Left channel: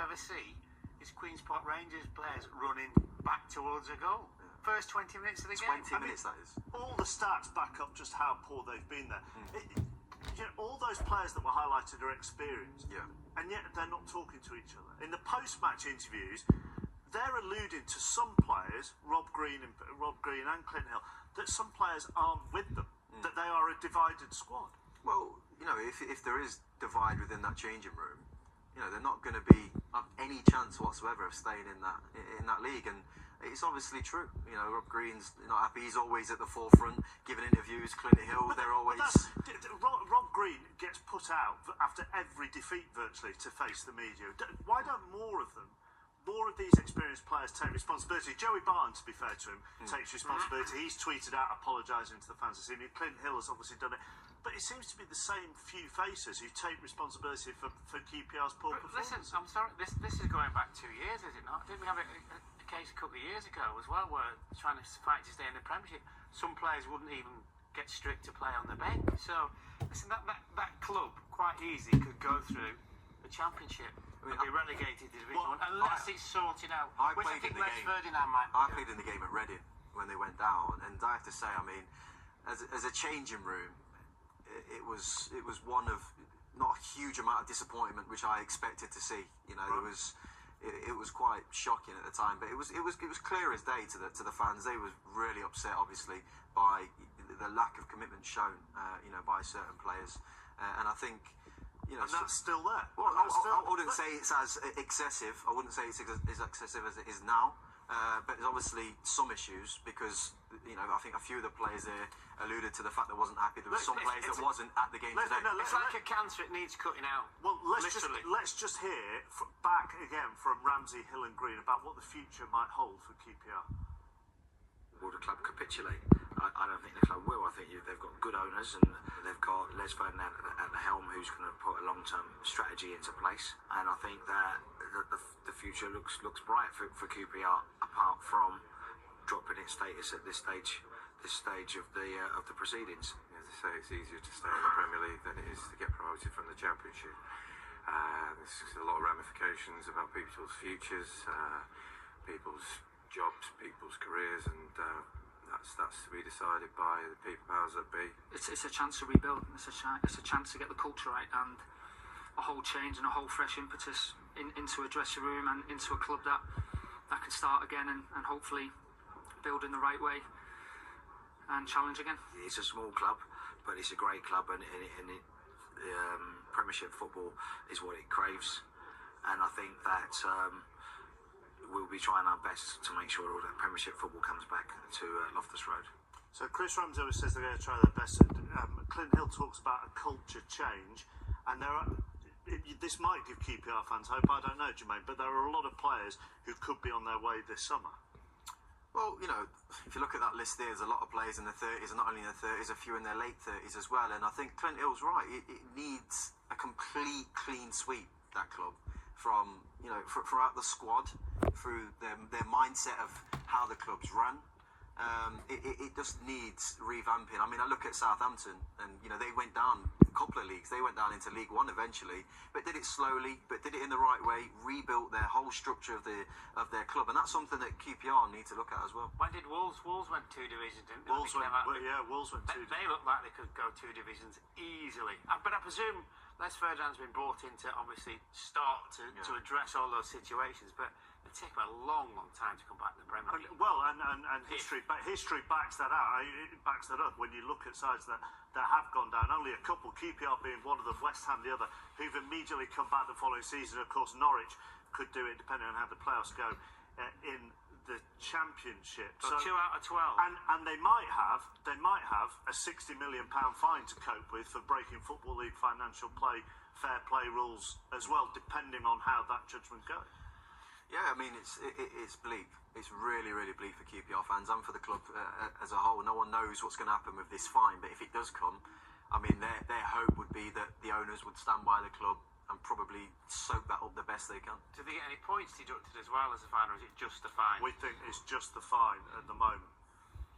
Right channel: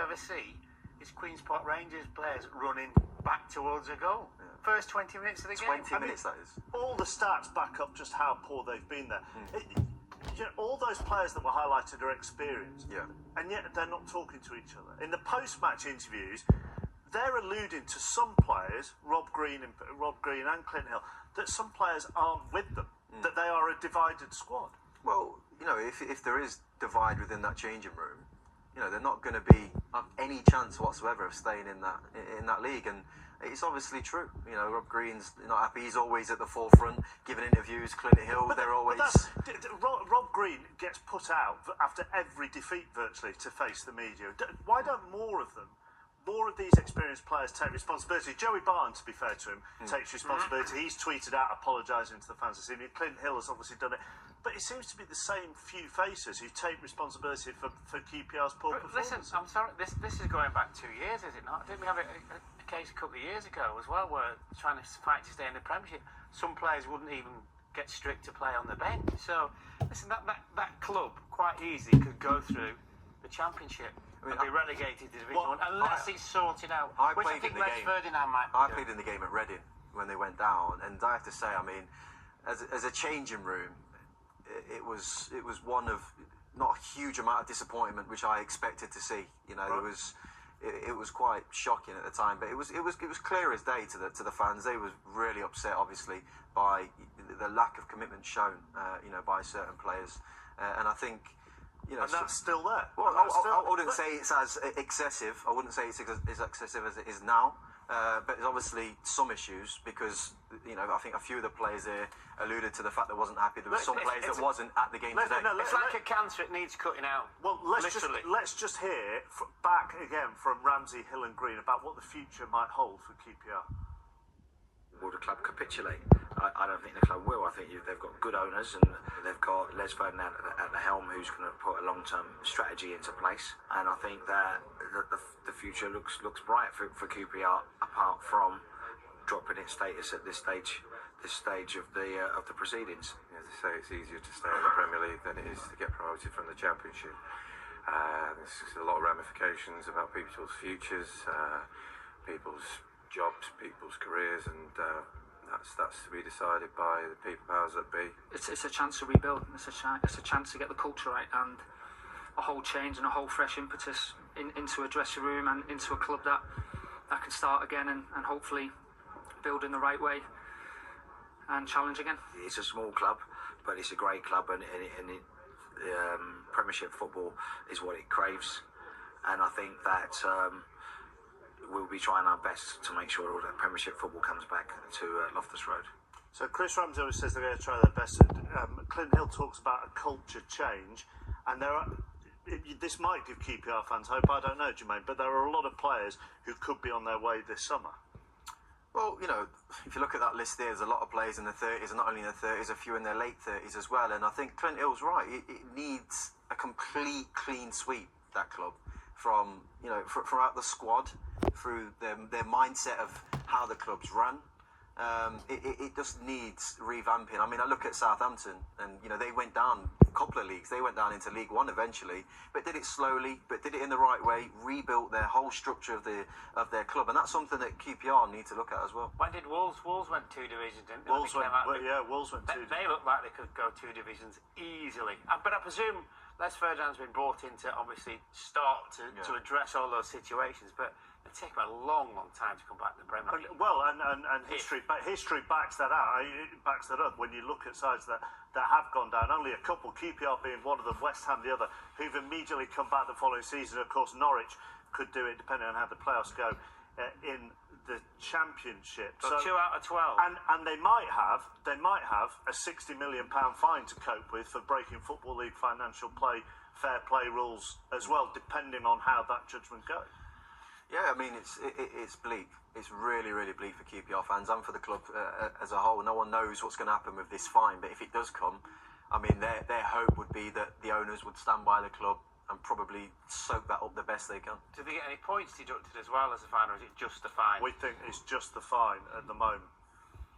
ever see is Queen's Park Rangers players running back towards a goal. Yeah. First 20 minutes of the game. 20 minutes, that is. All the stats back up just how poor they've been there. All those players that were highlighted are experienced, and yet they're not talking to each other. In the post-match interviews, they're alluding to some players, Rob Green and Clint Hill, that some players aren't with them, that they are a divided squad. Well, if there is divide within that changing room, they're not going to be have any chance whatsoever of staying in that league, and it's obviously true. Rob Green's not happy. He's always at the forefront, giving interviews. Clint Hill, they're always. Rob Green gets put out after every defeat virtually to face the media. Why don't more of these experienced players take responsibility? Joey Barton, to be fair to him, takes responsibility. He's tweeted out apologising to the fans. Clint Hill has obviously done it. But it seems to be the same few faces who take responsibility for QPR's poor performance. Listen, I'm sorry, this is going back 2 years, is it not? Didn't we have a case a couple of years ago as well, where trying to fight to stay in the Premiership, some players wouldn't even get strict to play on the bench. So, listen, that club quite easily could go through the Championship and be relegated to Division 1 unless it's sorted out. I played in the game at Reading when they went down, and I have to say, I mean, as a changing room, it was one of not a huge amount of disappointment which I expected to see. It was quite shocking at the time, but it was clear as day to the fans. They were really upset, obviously, by the lack of commitment shown, by certain players, and I think. And that's still there. Well, I wouldn't say it's as excessive. I wouldn't say it's as excessive as it is now. But there's obviously some issues because, I think a few of the players there alluded to the fact they wasn't happy. There were some players that wasn't at the game today. It's like a cancer, it needs cutting out. Well, let's just hear back again from Ramsey, Hill and Green about what the future might hold for QPR. Will the club capitulate? I don't think the club will. I think they've got good owners and they've got Les Ferdinand at the helm who's going to put a long-term strategy into place. And I think that the future looks bright for QPR, apart from dropping its status at this stage of the proceedings. As I say, it's easier to stay in the Premier League than it is to get promoted from the Championship. There's a lot of ramifications about people's futures, people's jobs, people's careers, and that's to be decided by the people powers that be. It's a chance to rebuild. It's a chance to get the culture right and a whole change and a whole fresh impetus into a dressing room and into a club that can start again and hopefully build in the right way and challenge again. It's a small club, but it's a great club, and Premiership football is what it craves, and I think that we'll be trying our best to make sure all that Premiership football comes back to Loftus Road. So Chris Ramsey always says they're going to try their best. Clint Hill talks about a culture change, and this might give QPR fans hope. I don't know, Jermaine, but there are a lot of players who could be on their way this summer. Well, if you look at that list, there's a lot of players in their 30s, and not only in their 30s, a few in their late 30s as well. And I think Clint Hill's right. It needs a complete clean sweep, that club, from throughout the squad, through their mindset of how the club's run. It just needs revamping. I mean, I look at Southampton, and they went down a couple of leagues. They went down into League One eventually, but did it slowly, but did it in the right way. Rebuilt their whole structure of their club, and that's something that QPR need to look at as well. When did Wolves went 2 divisions, didn't they? Wolves went 2. They look like they could go 2 divisions easily. But I presume Les Ferdinand's been brought in to obviously start to address all those situations, but it'll take about a long time to come back to the Premier League. And history backs that out. It backs that up when you look at sides that have gone down. Only a couple, QPR being one of them, West Ham the other, who've immediately come back the following season. Of course, Norwich could do it depending on how the playoffs go in the Championship. So 2 out of 12. And they might have a £60 million fine to cope with for breaking Football League financial fair play rules as well, depending on how that judgment goes. Yeah, I mean, it's bleak. It's really, really bleak for QPR fans and for the club as a whole. No one knows what's going to happen with this fine, but if it does come, I mean, their hope would be that the owners would stand by the club and probably soak that up the best they can. Do they get any points deducted as well as a fine, or is it just the fine? We think it's just the fine at the moment.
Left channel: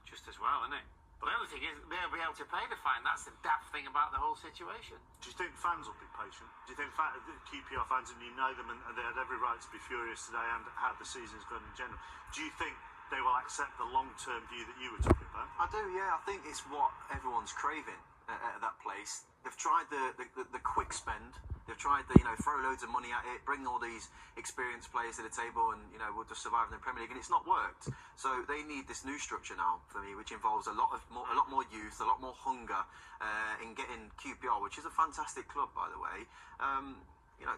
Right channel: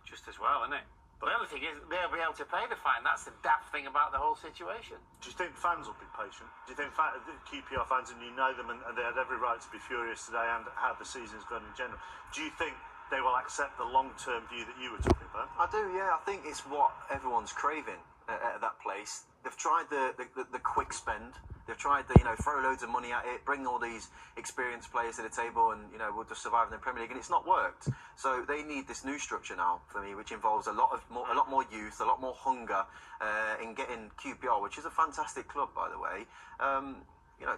Just as well, isn't it? But the only thing is, they'll be able to pay the fine. That's the daft thing about the whole situation. Do you think fans will be patient? Do you think QPR fans, and you know them, and they had every right to be furious today and how the season's gone in general, do you think they will accept the long-term view that you were talking about? I do, yeah. I think it's what everyone's craving at that place. They've tried the quick spend. They've tried the, throw loads of money at it, bring all these experienced players to the table, and we'll just survive in the Premier League, and it's not worked. So they need this new structure now for me, which involves a lot more youth, a lot more hunger in getting QPR, which is a fantastic club, by the way.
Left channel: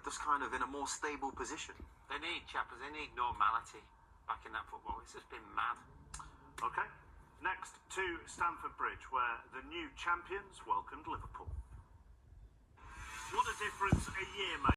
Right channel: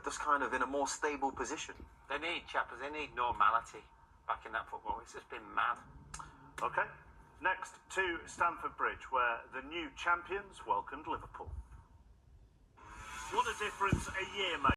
Just kind of in a more stable position. They need normality back in that football. It's just been mad. Okay. Next to Stamford Bridge, where the new champions welcomed Liverpool. What a difference a year makes.